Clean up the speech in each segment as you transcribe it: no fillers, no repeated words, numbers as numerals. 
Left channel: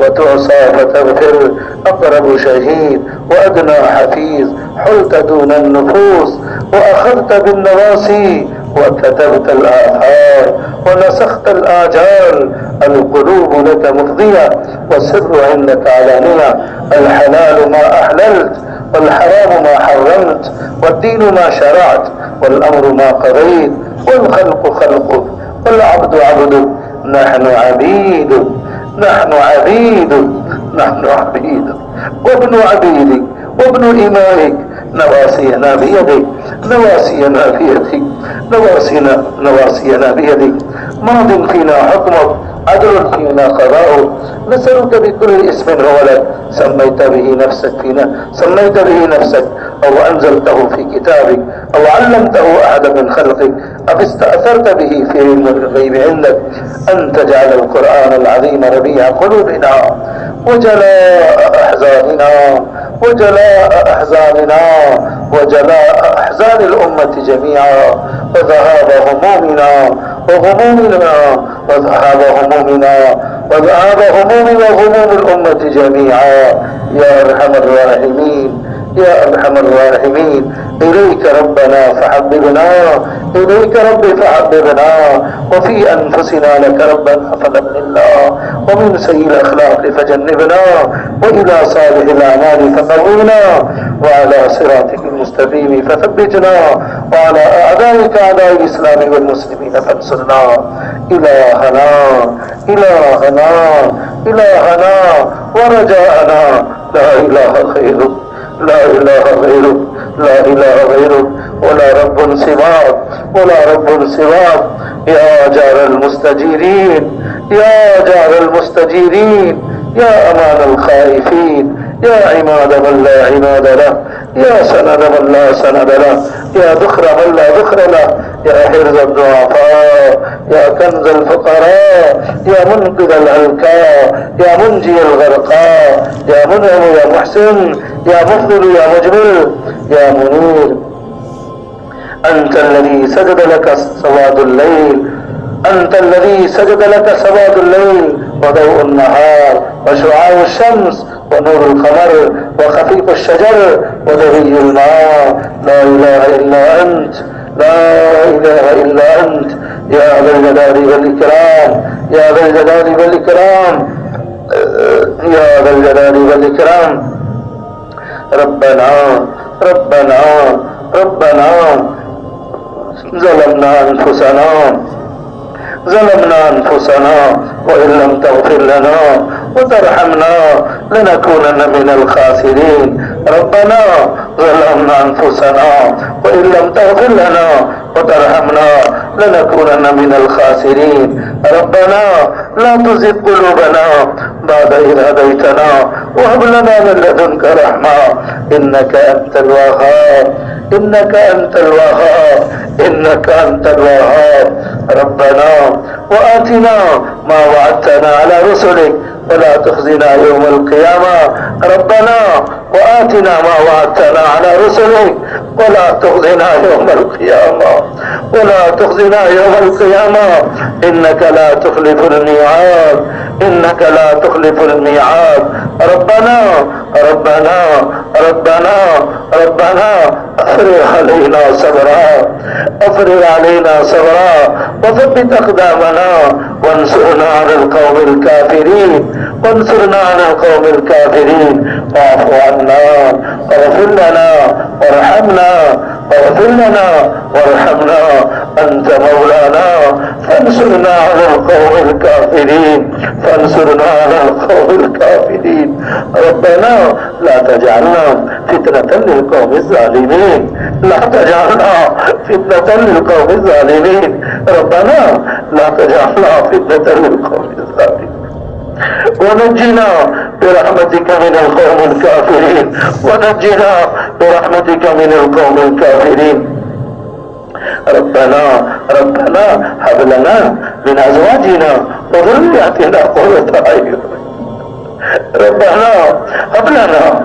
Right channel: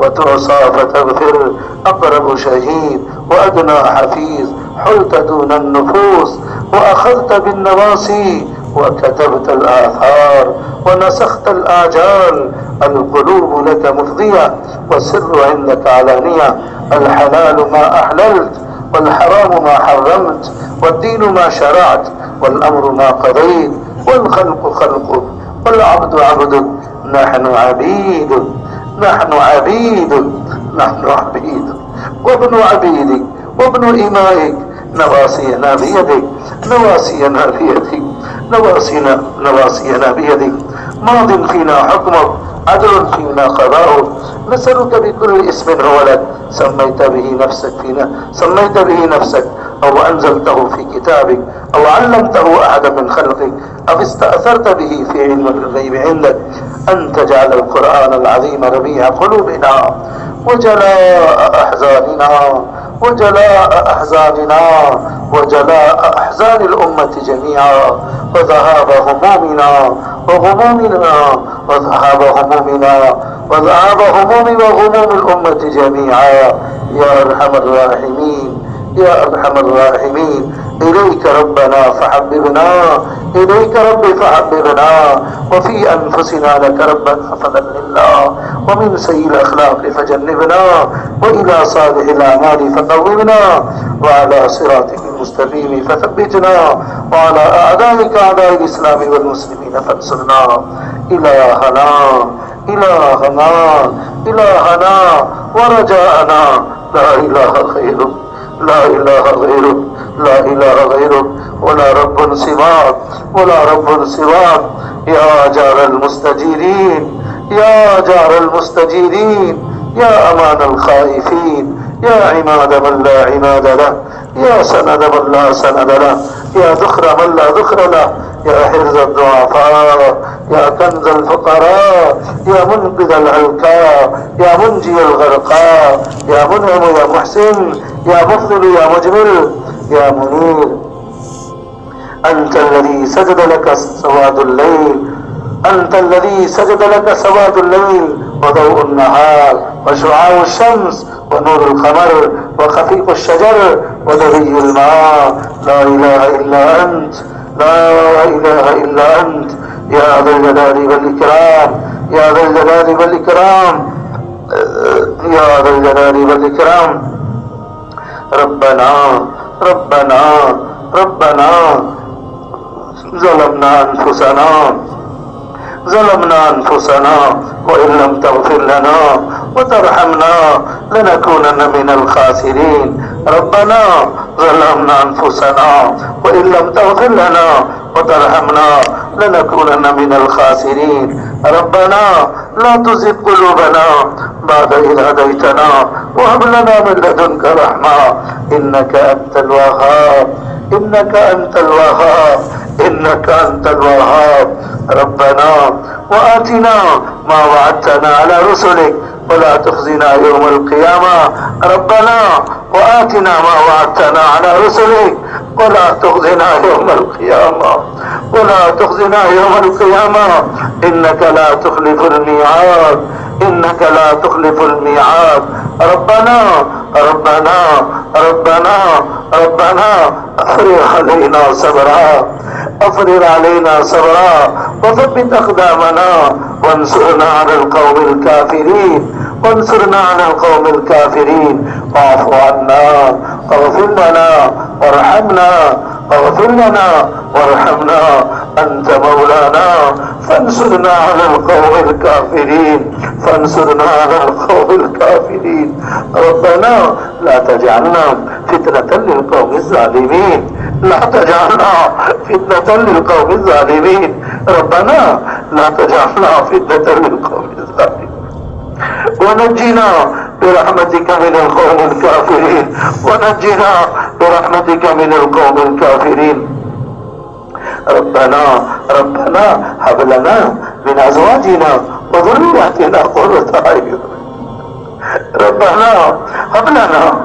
وتعصى فتغفر أقرب شهيد وأدنى حفيظ حلت دون النفوس وأخذت بالنواصي وكتبت الآثار ونسخت الآجال. القلوب لك مفضية والسر عندك علانية. الحلال ما أحللت والحرام ما حرمت والدين ما شرعت والأمر ما قضيت والخلق خلقك والعبد عبدك. نحن عبيدك نحن عبيدك نحن عبيدك وابن عبيدك وابن إمائك. نواصينا بيدك نواصينا بيدك نواصينا بيدك. ماض فينا حكمك عدل فينا قضاؤك. نسألك بكل اسم هو لك سميت به نفسك أو أنزلته في كتابك أو علمته أحد من خلقك أو استأثرت به في علم الغيب عندك أن تجعل القرآن العظيم ربيع قلوبنا وجلاء أحزاننا وجلاء أحزان الأمة جميعا وذهاب همومنا وغموم الأمة جميعا. يا أرحم الراحمين يا أرحم الراحمين. إليك ربنا فحببنا إليك ربي فحببنا وفي أنفسنا لك ربنا فذللنا ومن سيء الأخلاق فجنبنا وإلى صالح الأعمال فقومنا وعلى صراطك المستقيم فثبتنا وعلى أعدائك أعداء الإسلام والمسلمين فانصرنا. إلهنا ورجاءنا لا إله غيرك لا إله غيرك ولا رب سواك. يا جار المستجيرين يا أمان الخائفين يا عماد من لا عماد له يا سند من لا سند له يا ذخر من لا ذخر له يا حرز الضعفاء يا كنز الفقراء يا منقذ العلكاء يا منجي الغرقاء يا منعم يا محسن يا مفضل يا مجمل يا منير. أنت الذي سجد لك سواد الليل وضوء النهار وشعاع الشمس ونور القمر وخفيف الشجر ودري الماء. لا إله إلا أنت يا ذا الجلال والإكرام. ربنا ظلمنا أنفسنا وإن لم تغفر لنا وترحمنا لنكونن من الخاسرين. ربنا ظلمنا أنفسنا وإن لم تغفر لنا وترحمنا لنكونن من الخاسرين. ربنا لا تزغ قلوبنا بعد إذ هديتنا وهب لنا من لدنك رحمة إنك أنت الوهاب. ربنا وآتنا ما وعدتنا على رسلك ولا تخزنا يوم القيامة. ربنا وآتنا ما وعدتنا على رسلك ولا تخزنا يوم القيامة ولا تخزنا يوم القيامة إنك لا تخلف الميعاد إنك لا تخلف الميعاد ربنا ربنا ربنا ربنا أفرغ علينا صبرا أفرغ علينا صبرا وثبت أقدامنا وانصرنا على القوم الكافرين وانصرنا على القوم الكافرين واعف عنا واغفر لنا وارحمنا واغفر لنا وارحمنا أنت مولانا فانصرنا على القوم الكافرين فانصرنا على القوم الكافرين ربنا لا تجعلنا فتنة للقوم الظالمين لا تجعلنا فتنة للقوم الظالمين ربنا لا تجعلنا فتنة للقوم الظالمين ونجنا برحمتك من القوم الكافرين ونجنا برحمتك من القوم الكافرين ربنا ربنا هب لنا من ازواجنا وذرياتنا قرة اعين ربنا هب لنا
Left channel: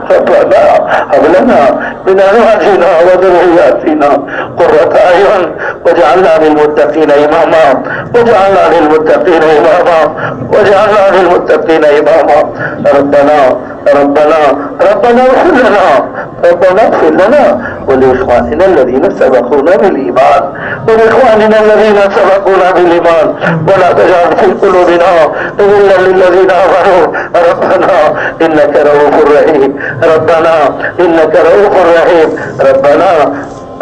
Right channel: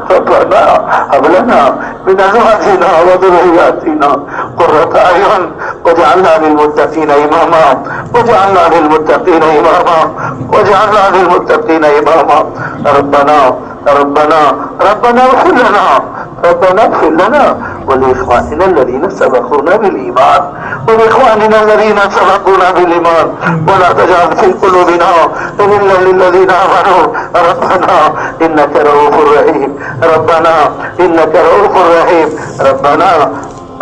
من ازواجنا وذرياتنا قرة اعين واجعلنا للمتقين اماما واجعلنا للمتقين اماما واجعلنا للمتقين اماما ربنا ربنا ربنا اغفر لنا ربنا اغفر لنا ولإخواننا الذين سبقونا بالإيمان ولإخواننا الذين سبقونا بالإيمان ولا تجعل في قلوبنا غلا للذين آمنوا ربنا إنك رؤوف رحيم ربنا إنك رؤوف رحيم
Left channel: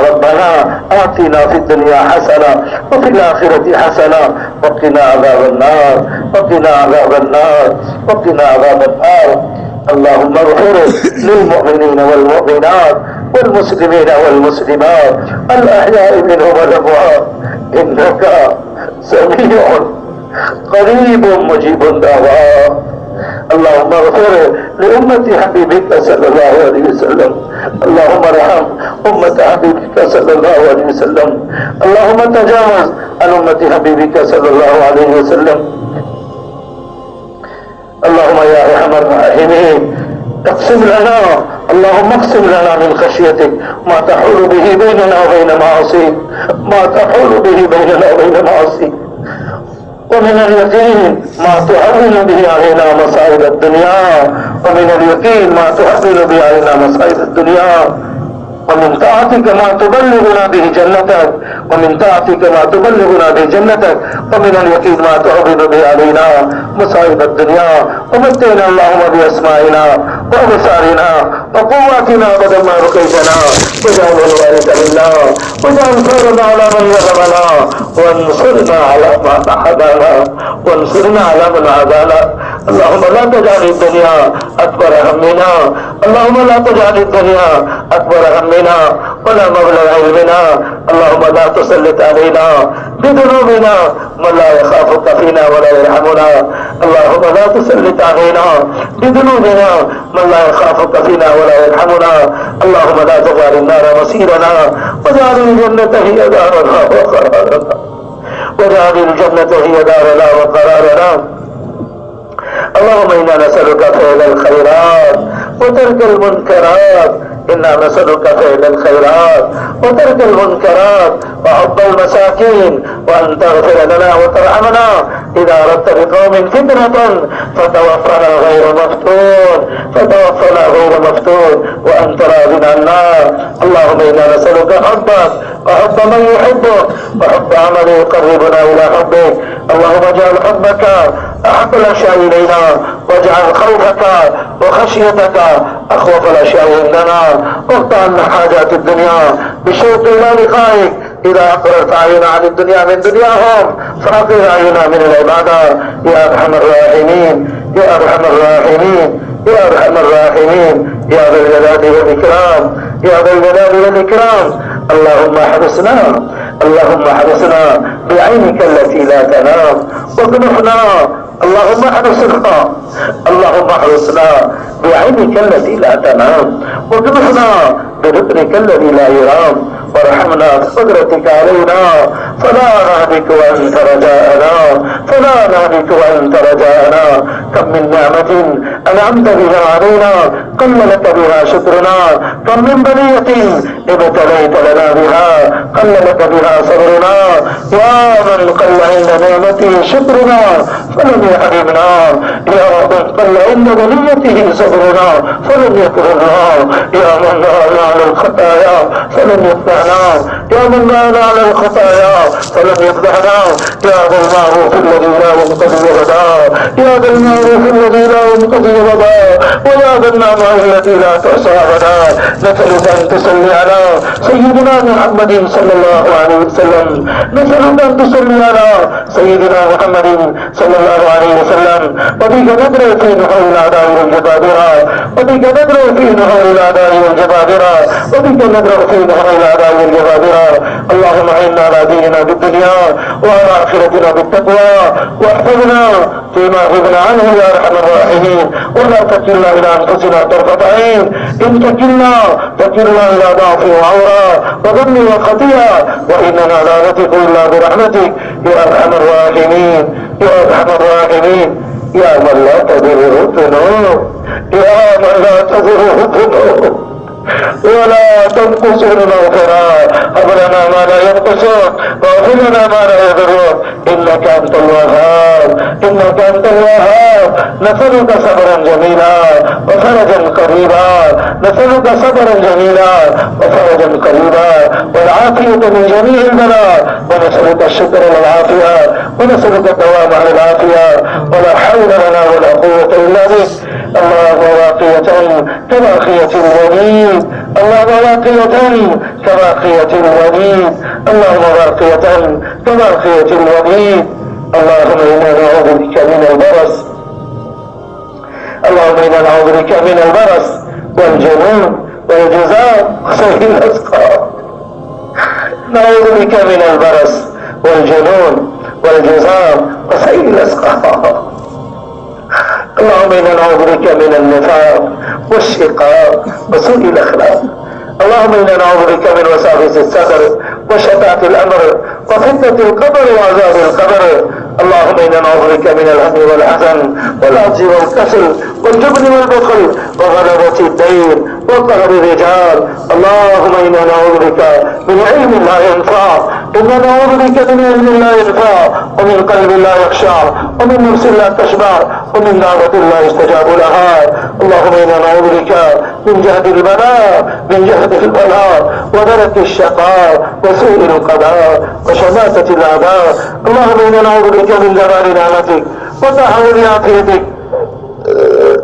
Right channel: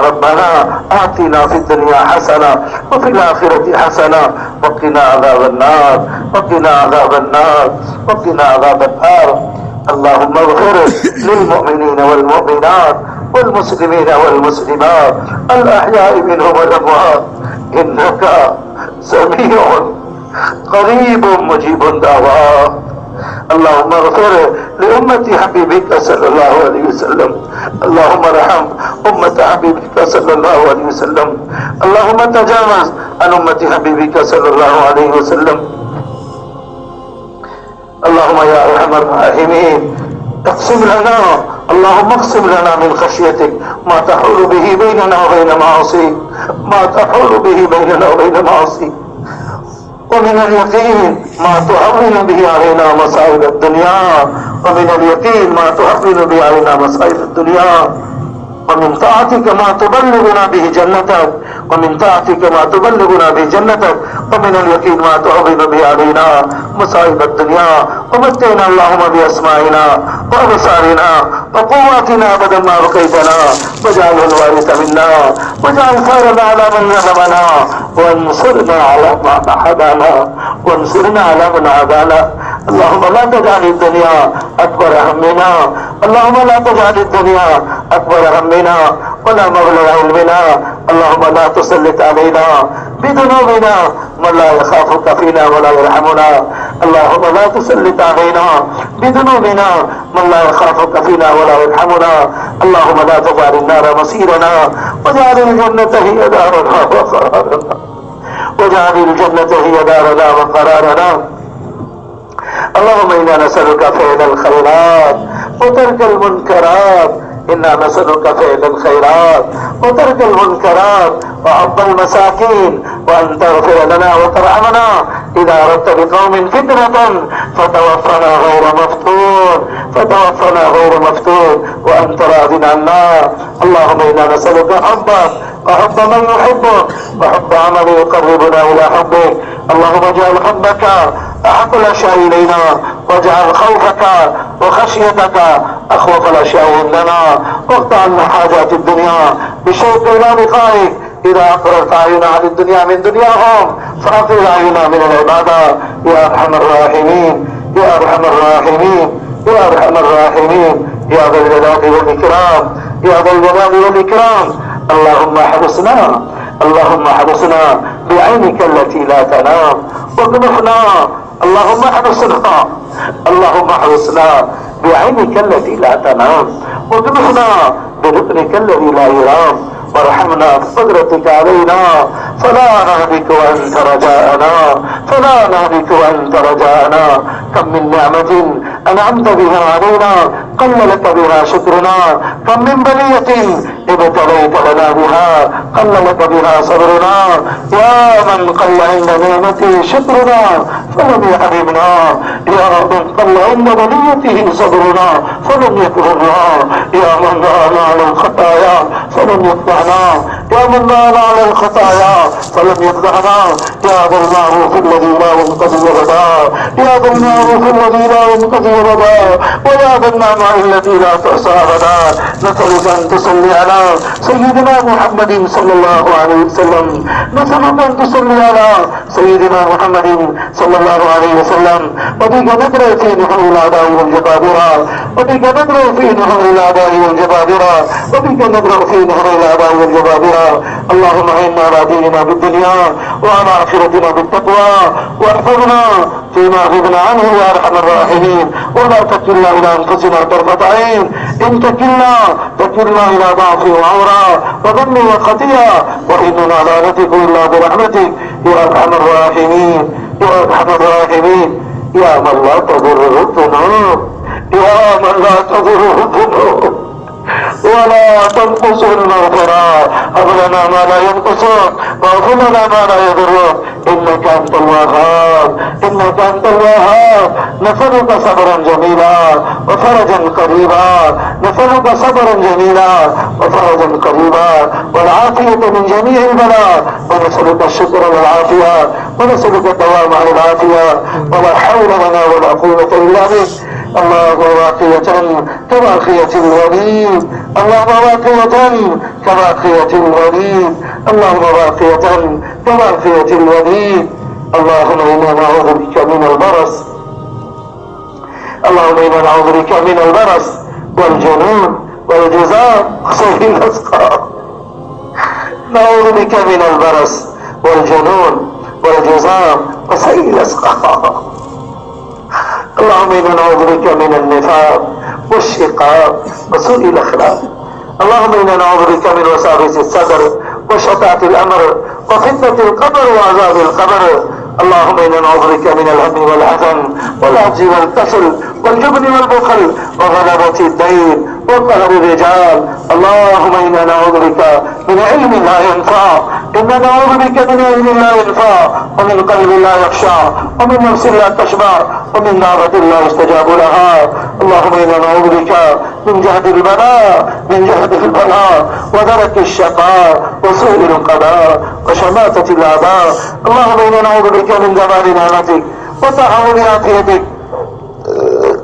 ربنا آتنا في الدنيا حسنة وفي الآخرة حسنة وقنا عذاب النار وقنا عذاب النار وقنا عذاب النار اللهم اغفر للمؤمنين والمؤمنات والمسلمين والمسلمات الأحياء منهم والأموات إنك سميع قريب مجيب الدعوات اللهم اغفر لأمة حبيبك صلى الله عليه وسلم اللهم ارحم أمة حبيبك صلى الله عليه وسلم اللهم تجاوز عن أمة حبيبك صلى الله عليه وسلم اللهم يا أرحم الراحمين اقسم لنا اللهم اقسم لنا من خشيتك ما تحول به بيننا وبين معاصيك ما تحول به بيننا وبين معاصيك ومن اليقين ما تهون به علينا مصائب الدنيا ومن اليقين ما تهون به علينا مصائب الدنيا ومن طاعتك ما تبلغنا به جنتك ومن طاعتك ما تبلغنا به جنتك ومن اليقين ما تعظم به علينا مصائب الدنيا ومتعنا اللهم بأسمائنا وأبصارنا وقواتنا أبدا ما بقيتنا واجعل الوارث منا واجعل ثارنا على من ظلمنا وانصرنا على من عادانا وانصرنا على من عادانا اللهم لا تجعل الدنيا أكبر همنا اللهم لا تجعل الدنيا أكبر همنا ولا مبلغ علمنا اللهم لا تسلط علينا بذنوبنا من لا يخافك فينا ولا يرحمنا اللهم لا تسلط علينا بذنوبنا من لا يخافك فينا ولا يرحمنا اللهم لا تجعل النار مصيرنا واجعل الجنة هي دارنا وقرارنا واجعل الجنة هي دارنا وقرارنا اللهم إنا نسألك فعل الخيرات وترك المنكرات إنا نسألك فعل الخيرات وترك المنكرات وحب المساكين وأن تغفر لنا وترحمنا إذا أردت بقوم فتنة فتوفنا غير مفتون وأنت راض عنا اللهم إنا نسألك حبك وحب من يحبك وحب عمل يقربنا إلى حبك اللهم اجعل حبك أحب الأشياء إلينا واجعل خوفك وخشيتك أخوف الأشياء عندنا واقطع عنا حاجات الدنيا بالشوق إلى لقائك إذا أقررت أعينا عن الدنيا من دنياهم فأقر أعينا من العبادة يا أرحم الراحمين يا أرحم الراحمين يا أرحم الراحمين يا ذا الجلال والإكرام يا ذا الجلال والإكرام اللهم احرسنا بعينك التي لا تنام واطمحنا اللهم احرسنا بعينك التي لا تنام واطمحنا بركنك الذي لا يرام وارحمنا بقدرتك علينا فلا نهلك وأنت رجاءنا فلا نهلك وأنت رجاءنا. كم من نعمة أنعمت بها علينا قل لك بها شكرنا، كم من بلية ابتليت لنا بها قل لك بها صبرنا. يا من قل عند نعمته شكرنا فلم يحرمنا، يا رب قل عند بليته صبرنا فلم يكرمنا، يا من نهانا عن الخطايا فلم يفضحنا، يا من نهانا عن الخطايا فلم يفضحنا. يا ذا المعروف الذي لا ينقضي غدا، يا ذا المعروف الذي لا ينقضي غدا، ويا ذا النعماء التي لا تحصى غدا. نسألك أن تصلي على سيدنا محمد صلى الله عليه وسلم، نسألك أن تصلي على سيدنا محمد صلى الله عليه وسلم. وبك ندعو في نحور الأعداء والجبابرة، وبك ندعو في نحور الأعداء والجبابرة، وبك ندعو في نحور الأعداء والجبابرة. اللهم أعنا على ديننا بالدنيا وعلى آخرتنا بالتقوى، واحفظنا فيما غبنا عنه يا أرحم الراحمين، ولا تكلنا إلى أنفسنا طرفة عين، إن تكلنا إلى ضعف وعورة وظلم وخطيئة، وإننا لا نثق إلا برحمتك يا أرحم الراحمين، يا أرحم الراحمين. يا من لا تضره الذنوب، يا من لا تضره الذنوب ولا تنقص المغفرة، هب لنا ما لا ينقصك واغفر لنا ما لا يضرك، إنك أنت الوهاب، إنك أنت الوهاب. نسألك صبرا جميلا وفرجا قريبا، نسألك صبرا جميلا وفرجا قريبا والعافية من جميع البلاء، ونسألك الشكر والعافية، ونسألك الدوام على العافية، ولا حول لنا ولا قوة إلا بك. اللهم واقية كباقية الوليد، اللهم واقية كباقية الوليد، اللهم واقية كباقية الوليد. اللهم إنا نعوذ بك من البرص، اللهم إنا نعوذ بك من البرص والجنون والجذام وسيء الأسقام. نعوذ بك من البرص والجنون والجذام وسيء الأسقام. اللهم إنا نعوذ بك من النفاق والشقاق وسوء الأخلاق. اللهم إنا نعوذ بك من وساوس الصدر وشتات الأمر وفتنة القبر وعذاب القبر. اللهم إنا نعوذ بك من الهم والحزن والعجز والكسل والجبن والبخل وغلبة الدين وقهر الرجال. اللهم إنا نعوذ بك من علم لا ينفع، إنا نعوذ بك من علم لا ينفع، ومن قلب لا يخشع، ومن نفس لا تشبع، ومن دعوة لا يستجاب لها. اللهم إنا نعوذ بك من جهد البلاء، من جهد البلاء ودرك الشقاء وسوء القضاء وشماتة الأعداء. اللهم إنا نعوذ بك من جمال نعمتك وتحول عافيتك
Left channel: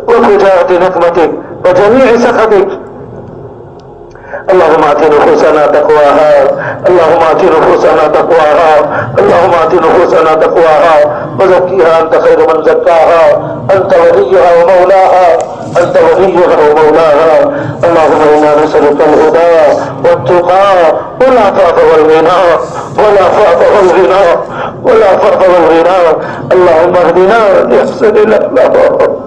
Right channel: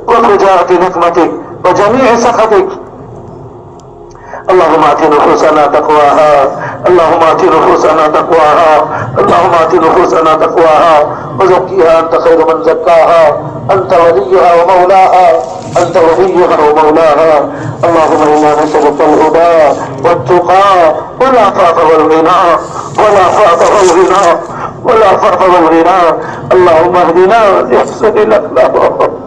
وفجاءة نقمتك وجميع سخطك. اللهم آت نفوسنا تقواها، اللهم آت نفوسنا تقواها، اللهم آت نفوسنا تقواها وزكيها أنت خير من زكاها، أنت وليها ومولاها، أنت وليها ومولاها. اللهم إنا نسألك الهدى والتقى والعفاف والغنى، والعفاف والغنى، والعفاف والغنى. اللهم اهدنا لأحسن الأخلاق،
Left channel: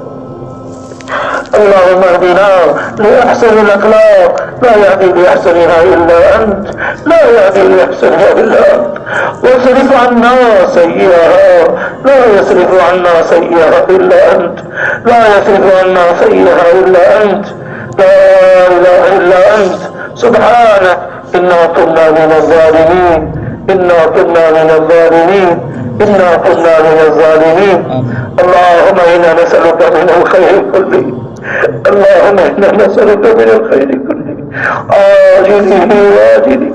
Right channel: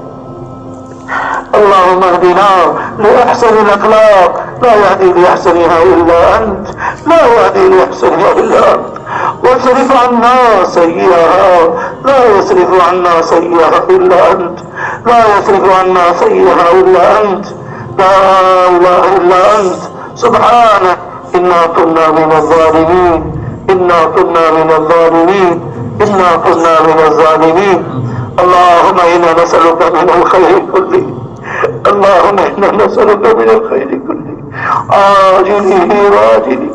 اللهم اهدنا لأحسن الأخلاق، لا يهدي لأحسنها إلا أنت، لا يهدي لأحسنها إلا أنت. واصرف عنا سيئها، لا يصرف عنا سيئها إلا أنت، لا يصرف عنا سيئها إلا أنت. لا إله إلا أنت. سبحانك إنا كنا من الظالمين، إنا كنا من الظالمين، إنا كنا من الظالمين. اللهم إنا نسألك من الخير كله، اللهم إنا نسألك من الخير كله عاجله وآجله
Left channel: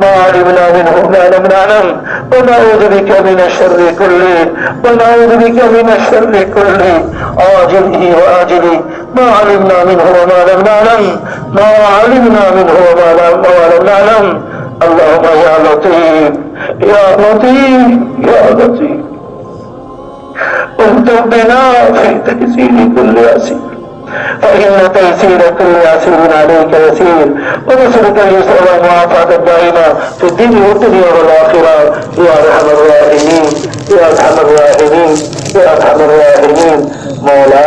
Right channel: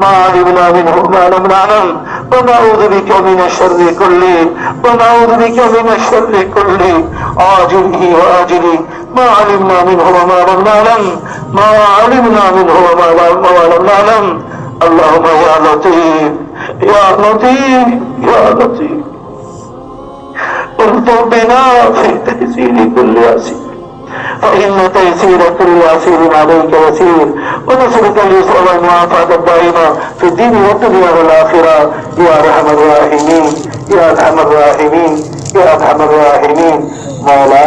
ما علمنا منه وما لم نعلم، ونعوذ بك من الشر كله، ونعوذ بك من الشر كله عاجله وآجله ما علمنا منه وما لم نعلم، ما علمنا منه وما لم نعلم. اللهم يا لطيف يا لطيف يا لطيف اكتب بنا في تيسير كل عسير، فإن تيسير كل عسير عليك يسير، ونسألك اليسر والمعافاة الدائمة في الدين والدنيا والآخرة يا أرحم الراحمين، يا أرحم الراحمين، يا أرحم الراحمين. مولا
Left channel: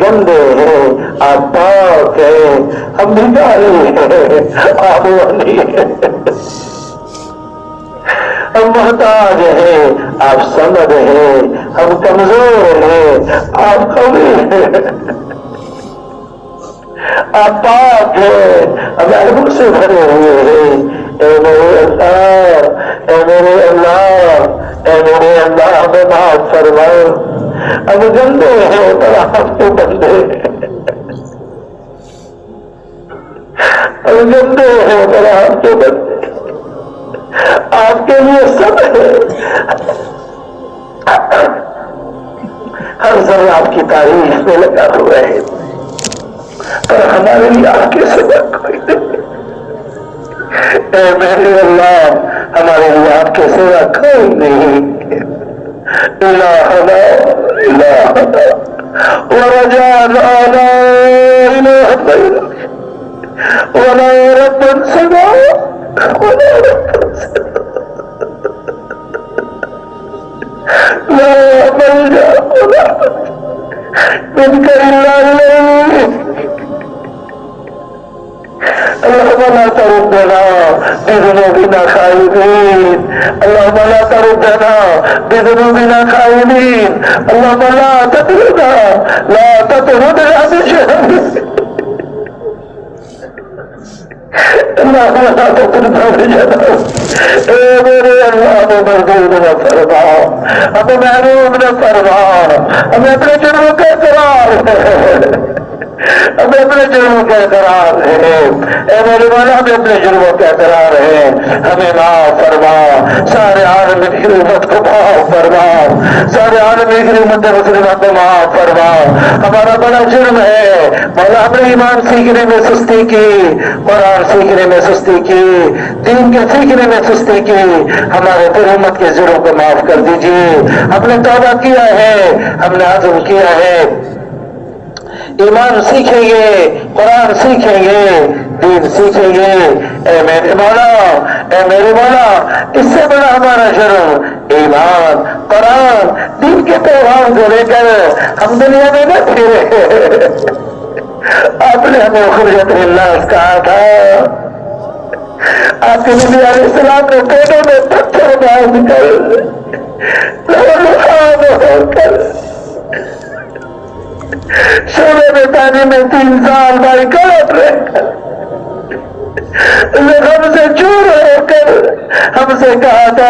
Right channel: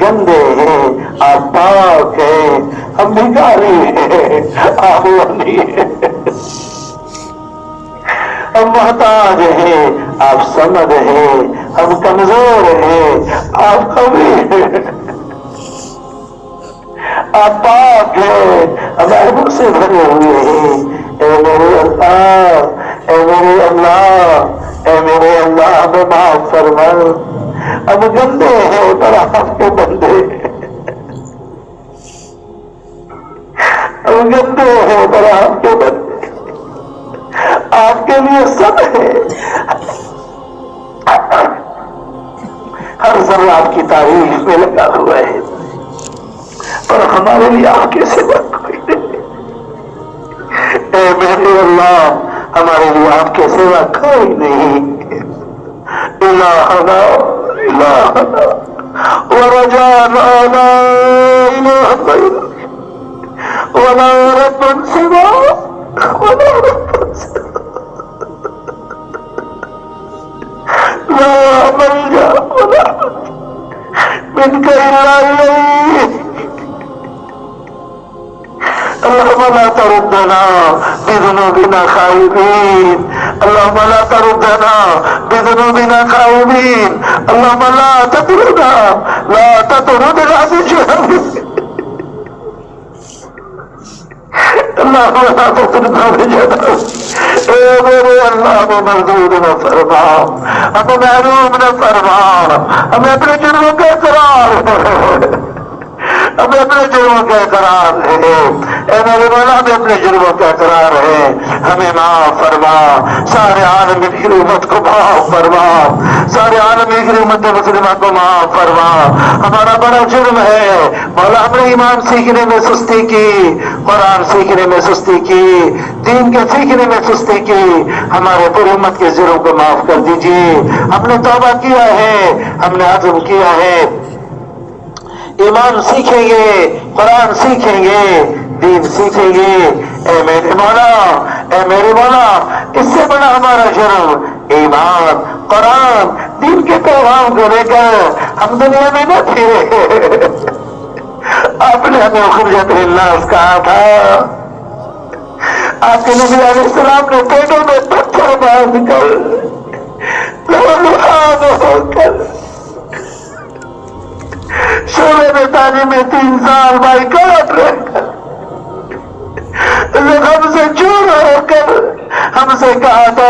گندے ہیں، آپ پاک ہیں، ہم بھکاری ہیں، آپ غنی ہیں، ہم محتاج ہیں، آپ سمد ہیں، ہم کمزور ہیں، آپ قوی ہیں، آپ پاک ہیں، ہم عیبوں سے بھرے ہوئے ہیں۔ اے میرے اللہ، اے میرے اللہ، اے میرے اللہ، ہمیں معاف فرما، ہم گندے ہیں پر آپ کے بندے ہیں، ہم گندے ہیں پر آپ کے بندے ہیں، آپ کے لیے سب ہے، ہر ذرہ آپ کی تعریف میں لگا ہوا ہے، پر ہمارے لیے آپ کے سوا کوئی نہیں۔ اے میرے اللہ، ہمارے لیے آپ کے سوا کوئی نہیں۔ الہنا الہنا ورجانا لا الہ غیرک ولا رب سواک ولا رب سواک لا ملجا ولا منك الا الیک۔ اللهم لا تردنا بذنوبنا خائبين، اللهم لا تردنا بذنوبنا خائبين، اللهم لا تطردنا بجهل، اللهم لا تطردنا بجهل۔ اے میرے اللہ، ہمیں مردود نہ فرما، ہمیں محروم نہ فرما، ہمیں اپنے جرموں کا اقرار ہے، ہمیں اپنے جرموں کا اقرار ہے، اے میرے مولا، ہمیں اپنے جرموں کا اقرار ہے، ہمیں معاف فرما، سارے عالم کی امت کو معاف فرما، سارے عالم کی امت مسلمہ کو معاف فرما۔ ہمارا بڑا جرم ہے مولا، ہم نے ایمان سیکھنے میں سستی کی، قرآن سیکھنے میں سستی کی، دین کے سیکھنے میں سستی کی، ہمارے پوری امت کے جرموں کو معاف کر دیجیے۔ ہم نے توبہ کیا ہے، ہم نے عزم کیا ہے، ایمان سیکھیں گے، قرآن سیکھیں گے، دین سیکھیں گے۔ اے میرے مولا، اے میرے مولا، اس سے بڑا ہمارا جرم ایمان، قرآن، دین کے پیغام کو لے کر ہم دنیا میں نہ پھرے۔ آپ نے ہمیں خرجت الناس کہا تھا، آپ کے نبی علیہ السلام نے پیٹوں میں پتھر باندھ کر لہو ہو کر شعبے میں تعلیم میں 3 سال بھائی کلپ رہ کر ہم سے چور ہو کر ہم سے کہا تھا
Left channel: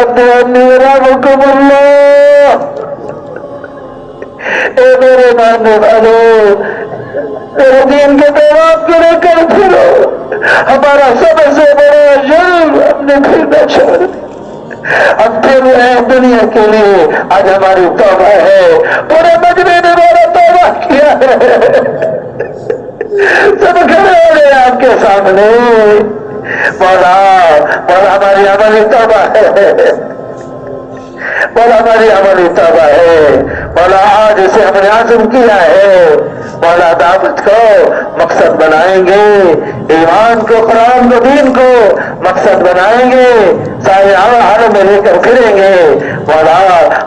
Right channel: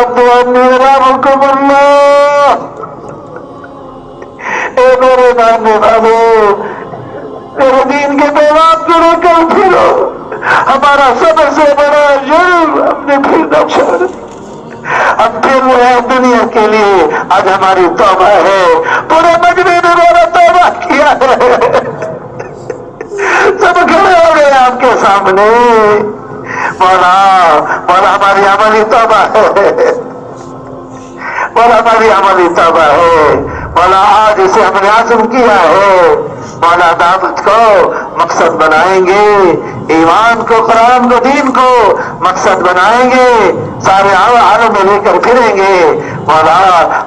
رامکم اللہ، اے میرے ماننے والوں، میرے دین کے پیغام کو لے کر پھرو، ہمارا سب سے بڑا جرم ہم نے پھرنا چھوڑ دیا، ہم پھر رہے ہیں دنیا کے لیے۔ آج ہماری توبہ ہے، پورے مجمع نے ہمارا توبہ کیا ہے، سب کھڑے ہو گئے آپ کے سامنے، مولا مولا ہماری عملی توبہ ہے، مولا ہماری عملی توبہ ہے، مولا آج اسے ہم نے عزم کیا ہے، مولا دعوت کو مقصد بنائیں گے، ایمان کو، قرآن کو، دین کو مقصد بنائیں گے، سارے حالوں میں لے کر پھریں گے۔ مولا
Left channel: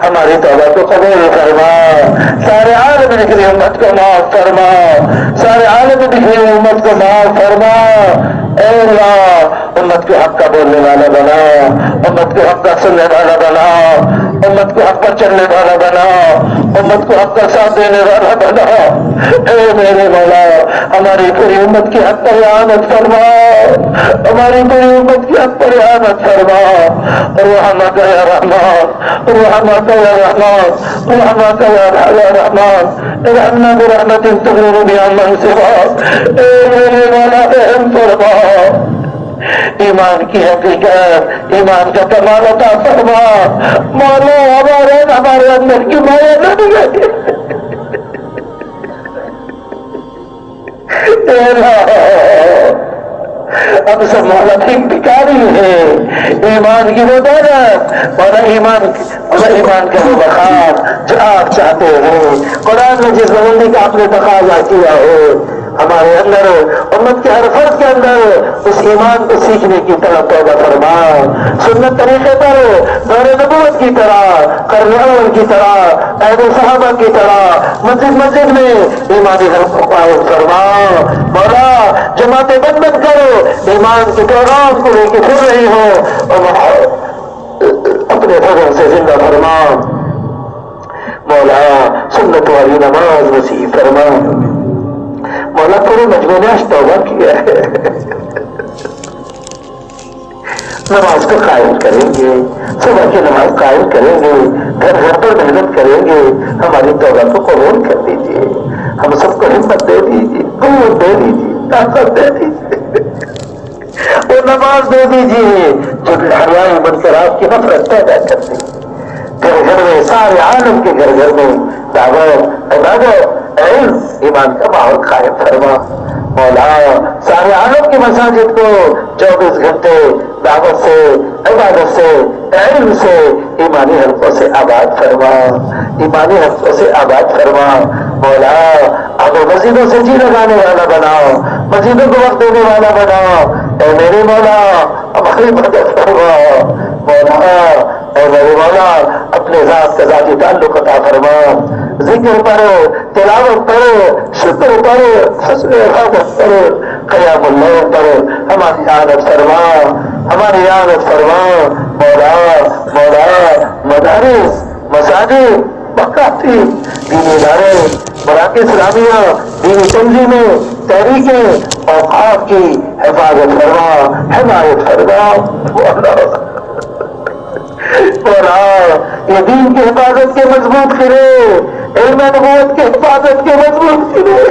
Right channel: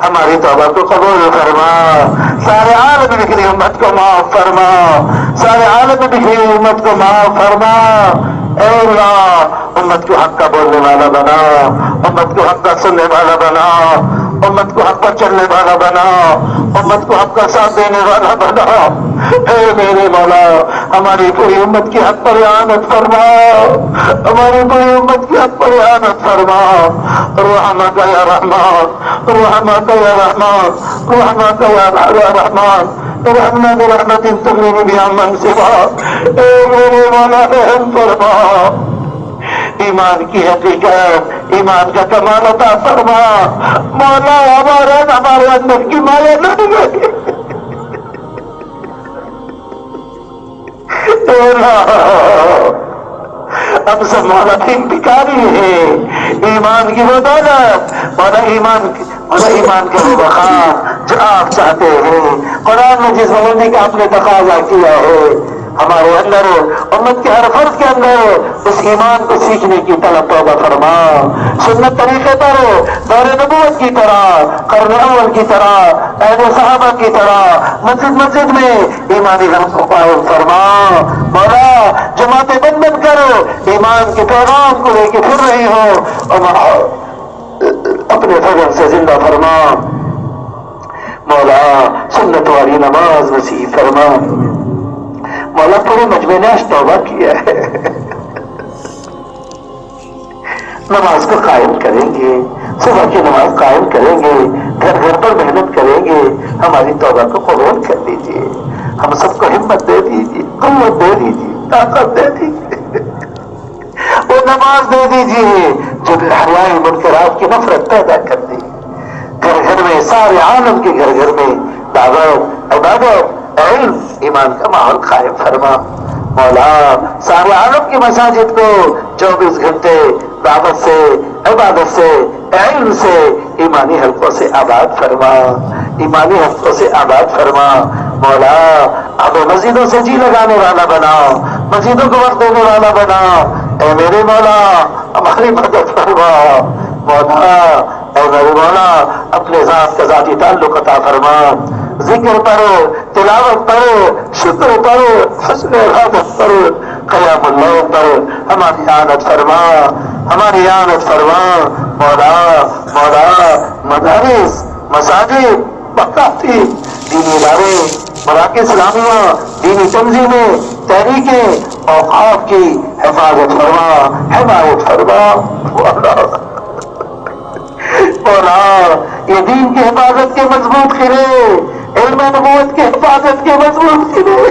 ہماری توبہ کو قبول فرما، سارے عالم میں نکلی امت کو معاف فرما، سارے عالم میں نکلی امت کو معاف فرما۔ اے اللہ، امت کو حق کا بولنے والا بنا، امت کو حق کا سننے والا بنا، امت کو حق پر چلنے والا بنا، امت کو حق کا ساتھ دینے والا بنا۔ اے میرے مولا، ہماری پوری امت کی حق پر اعانت فرما، ہماری پوری امت کی حق پر اعانت فرما۔ رحمت یا رحمان، رحمت یا رحمان، رحمت یا رحمان، رحمت رحمت تغنی بها من سواک۔ اے میرے مولا، رحم فرما، ایمان کی حقیقت، ایمان کا کمال عطا فرما۔ مولا ہمارے اندر کی مایا نہ نکلے، ہم سب مولا بھکاری ہیں، ایمان کی وہ دولت، مولا ایمان کا وہ وقار جو آپ چاہتے ہو، قرآن ایمان میں جس بلندی کا آپ نے تقاضا کیا ہے ہمارے اندر امت کے ہر فرد کے اندر اس ایمان کو سیکھنے کی طلب توبہ فرما. سنت طریقے پر دور نبوت کی طرح، قرن اول کی طرح، عہد صحابہ کی طرح مسجد میں ایمانی حلقوں کو قائم فرما. مولا جماعتیں بند بند کرو، ایمان کے پیغام کو لے کے پھر رہی ہو اور اپنے فضل سے زندہ فرما. مولا سنت والی نماز نصیب فرما. مولا پورے مجمع نے توبہ کیا ہے، نماز کو قائم کریں گے، صبح کی نماز قائم کریں گے، گھر گھر پر محنت کریں گے. ہماری توبہ کو قبول کر دیجیے، ہم سب کو ہمت دے دیجیے، قوت دے دیجیے، طاقت دے دیجیے، وہ نماز دے دیجیے جو حلوائی بن کر آپ کی نفرت پیدا کر دے. گھر گھر میں، سارے عالم کے گھر گھر میں دعوت، عبادت، علم، ایمان کا ماحول قائم فرما. مولا سارے عالم کی مساجد کو 24 گھنٹے دعوت سے، عبادت سے، علم سے، ایمانی حلقوں سے آباد فرما، ایمانی حلقوں سے آباد فرما. مولا اب مسجدوں سے جی لگانے والا بناؤ، مسجدوں کو وقت دینے والا بناؤ. اے میرے مولا ہماری مدد فرما. مولا اے میرے مولا اپنے ذات کا ذاتی تعلق عطا فرما. ذکر پڑھو، تلاوت پڑھو، شکر پڑھو، حسن عبادت پڑھو، قیام اللیل پڑھو. ہماری عادت فرما، ہماری عادت فرما. مولا مدارس، مساجد، مکاتب، دینی ادارے، مراکز اسلامیہ، دینی تنظیمیں، تحریکیں، اوقاف کی حفاظت فرما، حمایت فرما. مولا یہ دین کی حفاظت کے مضبوط قلعے، علم نبوت کے حفاظت کے مضبوط قلعے،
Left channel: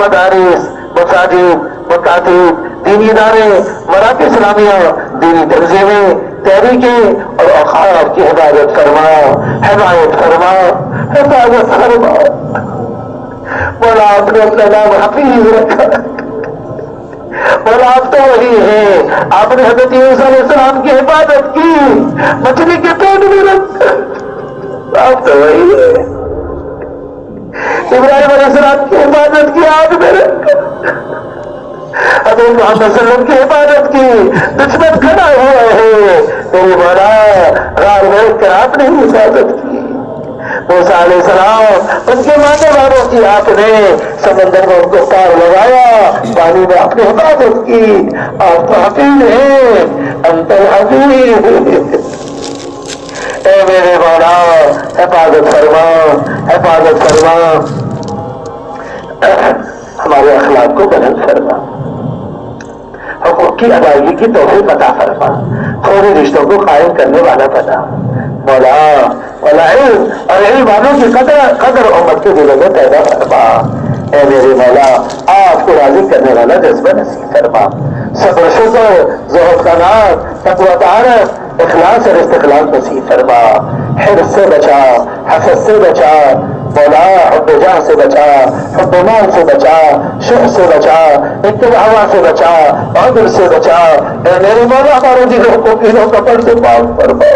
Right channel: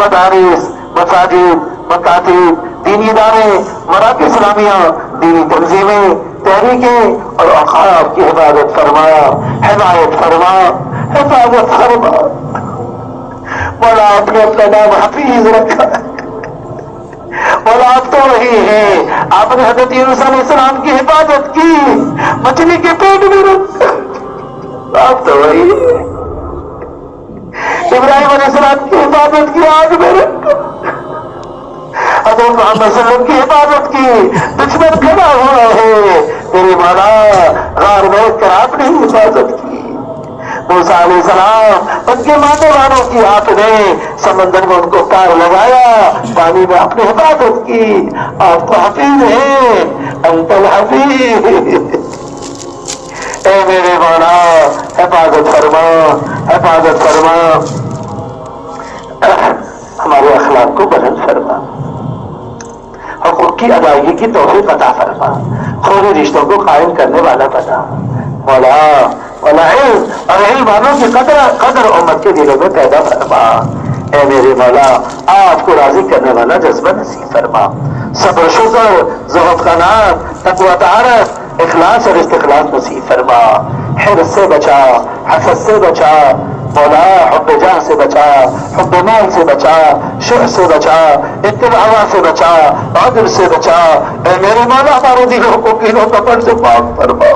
مدارس، مساجد، مکاتب، دینی ادارے، مراکز اسلامیہ، دینی تنظیمیں، تحریکیں اور اوقاف کی حفاظت فرما، حمایت فرما، حفاظت فرما. مولا آپ نے اپنا نام حفیظ رکھا، اور آپ تو وہی ہے. آپ نے حضرت یونس علیہ السلام کی حفاظت کی، مچھلی کے پیٹ میں رکھ، آپ تو وہی ہے. ابراہیم علیہ السلام کی حفاظت کی، آگ میں رکھ. حضرت محمد صلی اللہ علیہ وسلم کی حفاظت کی، دشمن کھڑا ہوا ہے. میرے مولا غار میں رکھ کر آپ نے حفاظت کی. موسیٰ علیہ السلام ان کے ماننے والوں کی آپ نے سمندر میں ان کو پار لگایا، پانی میں آپ نے حفاظت کی. آپ تو حفیظ ہیں، انت الحفیظ. اے میرے مولا حفاظت فرما، حفاظت فرما. ہمارے اخلاق کو بلند فرما، حقوق کی ادائیگی کی توفیق عطا فرما، فوری رشتوں کو قائم کرنے والا بنا. مولا علم اور علم والوں کی قدر امت کے دلوں میں پیدا فرما. اے میرے مولا آپ کو راضی کرنے والا جذبہ نصیب فرما. صبر شکر، زہد کا نام، تقویٰ طہارت، اخلاص اور استخلاص نصیب فرما. حرص سے بچا، حسد سے بچا. مولا حب جاہ سے بچا، حب مال سے بچا، شر سے بچا، اتباع ہوا سے بچا، عدل سے بچا. اے میرے مولا ہمارے دلوں کو کینوں کپڑ سے پاک فرما،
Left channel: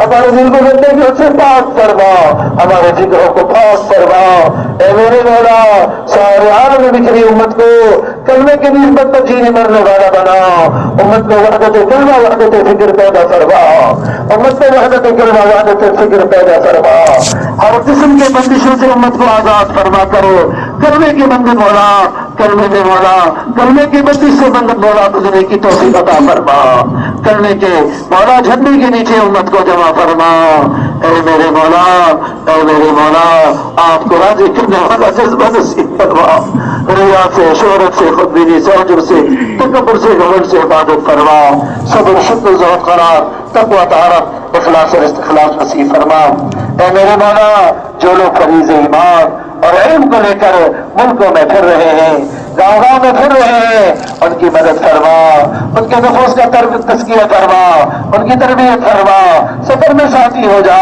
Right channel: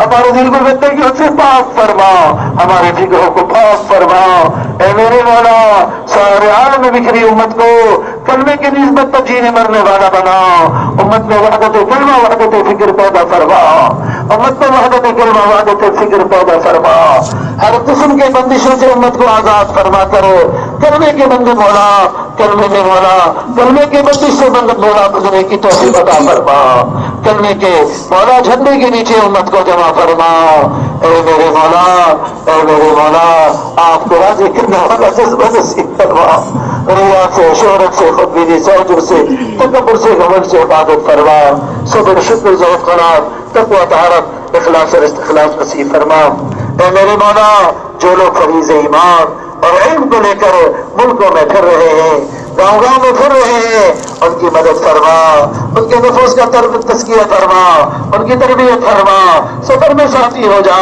ہمارے دل کو گندگیوں سے پاک فرما، ہمارے فکروں کو پاک فرما. اے میرے مولا سارے عالم میں بکھری امت کو کلمے کی نسبت پر جینے مرنے والا بنا. امت میں وحدت کلمہ، وحدت فکر پیدا فرما. امت میں وحدت کلمہ، وحدت فکر پیدا فرما. ہر قسم کے بندشوں سے امت کو آزاد فرما کرو. کلمے کے بندے مولا، کلمے میں مولا، کلمے کی بندش سے بند مولا گزرنے کی توفیق عطا فرما. کلمے کے مولا جھنڈے کے نیچے امت کو جمع فرما. اے میرے مولا، اے میرے مولا آپ کو راضی کرنے والا جذبہ نصیب فرما. ریا سے، شہرت سے، خودبینی سے، عجب سے، تکبر سے، گھمنڈ سے حفاظت فرما. صبر، شکر، ذوق، قرار، تقویٰ، طہارت، اخلاص اور استخلاص نصیب فرما. اے میرے مولا جو لوگ فریض ایمان اور علم کو لے کر ملکوں میں پھر رہے ہیں، گاؤں گاؤں میں پھر رہے ہیں، ان کی مدد فرما، ان کے نفوس کا تزکیہ فرما، ان کی تربیت فرما. سفر میں ساتھی ہو جا،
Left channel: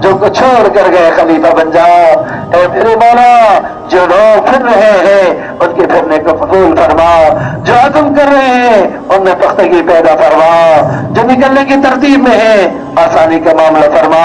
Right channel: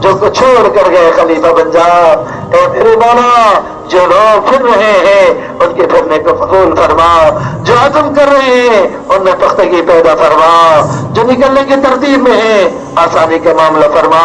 جو کو چھوڑ کر گئے خلیفہ بن جا. اے میرے مولا جو لوگ پھر رہے ہیں ان کے پھرنے کو قبول فرما. جو عزم کر رہے ہیں ان میں پختگی پیدا فرما. جو نکلنے کی ترتیب میں ہے آسانی کا معاملہ فرما.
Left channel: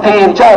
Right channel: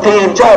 3, 4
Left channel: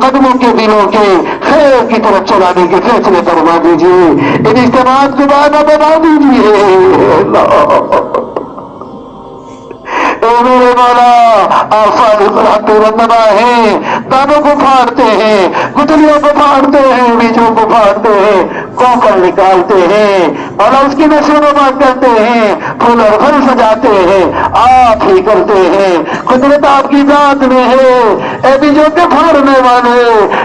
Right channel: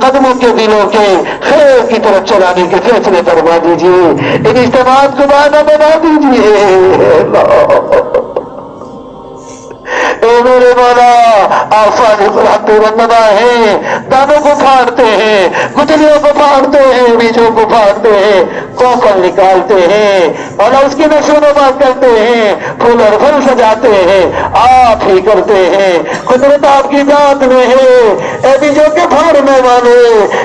قدموں کے دلوں کے خیر کی طرف چلانے کے فیصلے فرما دیجیے، ان اجتماعات کو بانا بنا دیجیے اللہ۔ اے میرے مولا، آپ صالح الحق والنبا ہیں، دانوں کو پھاڑتے ہیں، گٹلیوں کو پھاڑتے ہیں، بیجوں کو پھاڑتے ہیں، کوکل نکالتے ہیں، مولا اس کی نشو نما کرتے ہیں، پھول اور پھل سجاتے ہیں، آپ ہی کرتے ہیں، قدرت آپ کی ذات میں ہے۔ اے بیجوں کے پھاڑنے والے،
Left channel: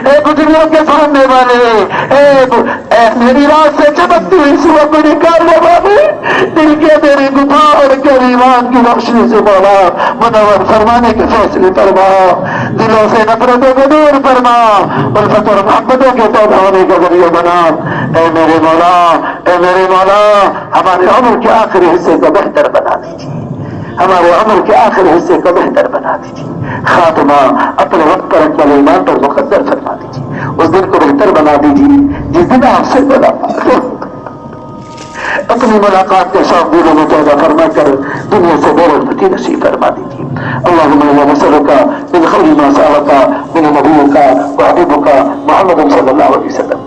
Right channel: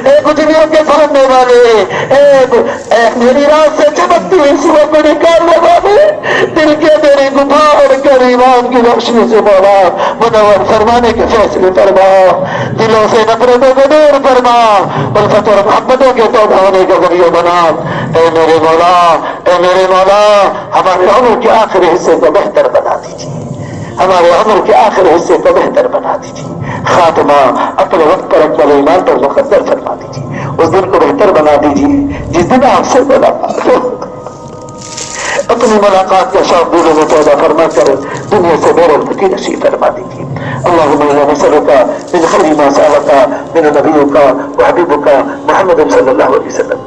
اے گٹلیوں کے پھاڑنے والے، اے میری رات سے چمکتی ہوئی صبح کو نکالنے والے، دل کے میری غبار کر ایمان کی روشنی سے مولا منور فرمانے کے فیصلے فرما، دلوں سے نفرتوں کو دور فرما، الفت اور محبتوں کے توبہ ہونے کا ذریعہ بنا۔ اے میرے مولا، اے میرے مولا، ہمارے عمر کے آخری حصے کو بہتر بنا دیجیے، ہمارے عمر کے آخری حصے کو بہتر بنا دیجیے، خاتمہ اپنے وقت پر اکمل ایمان پر مقدر فرما دیجیے، اس دن کو بہتر بنا دیجیے جس دن آپ سے ملاقات ہو، اپنی ملاقات کے شوق دلوں میں پیدا فرما کر دنیا سے بے رغبتی نصیب فرما دیجیے۔ اللهم انا نسألك من خير ما سألك من نبيك وحبيبك محمد صلى الله عليه وسلم،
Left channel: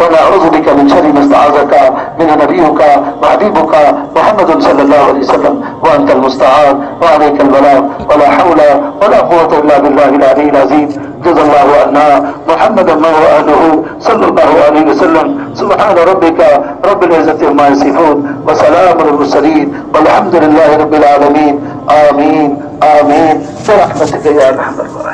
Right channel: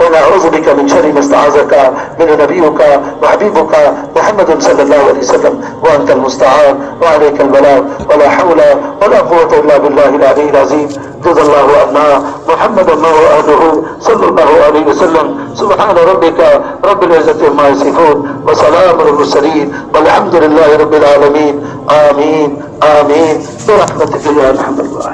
ونعوذ بك من شر ما استعاذك من نبيك وحبيبك محمد صلى الله عليه وسلم، وأنت المستعان وعليك البلاغ، ولا حول ولا قوة إلا بالله العلي العظيم۔ جزا الله عنا محمدا وآله صلى الله عليه وسلم۔ سبحان ربك رب العزة عما يصفون، وسلام على المرسلين، والحمد لله رب العالمين۔ آمين آمين برحمتك يا أرحم الراحمين۔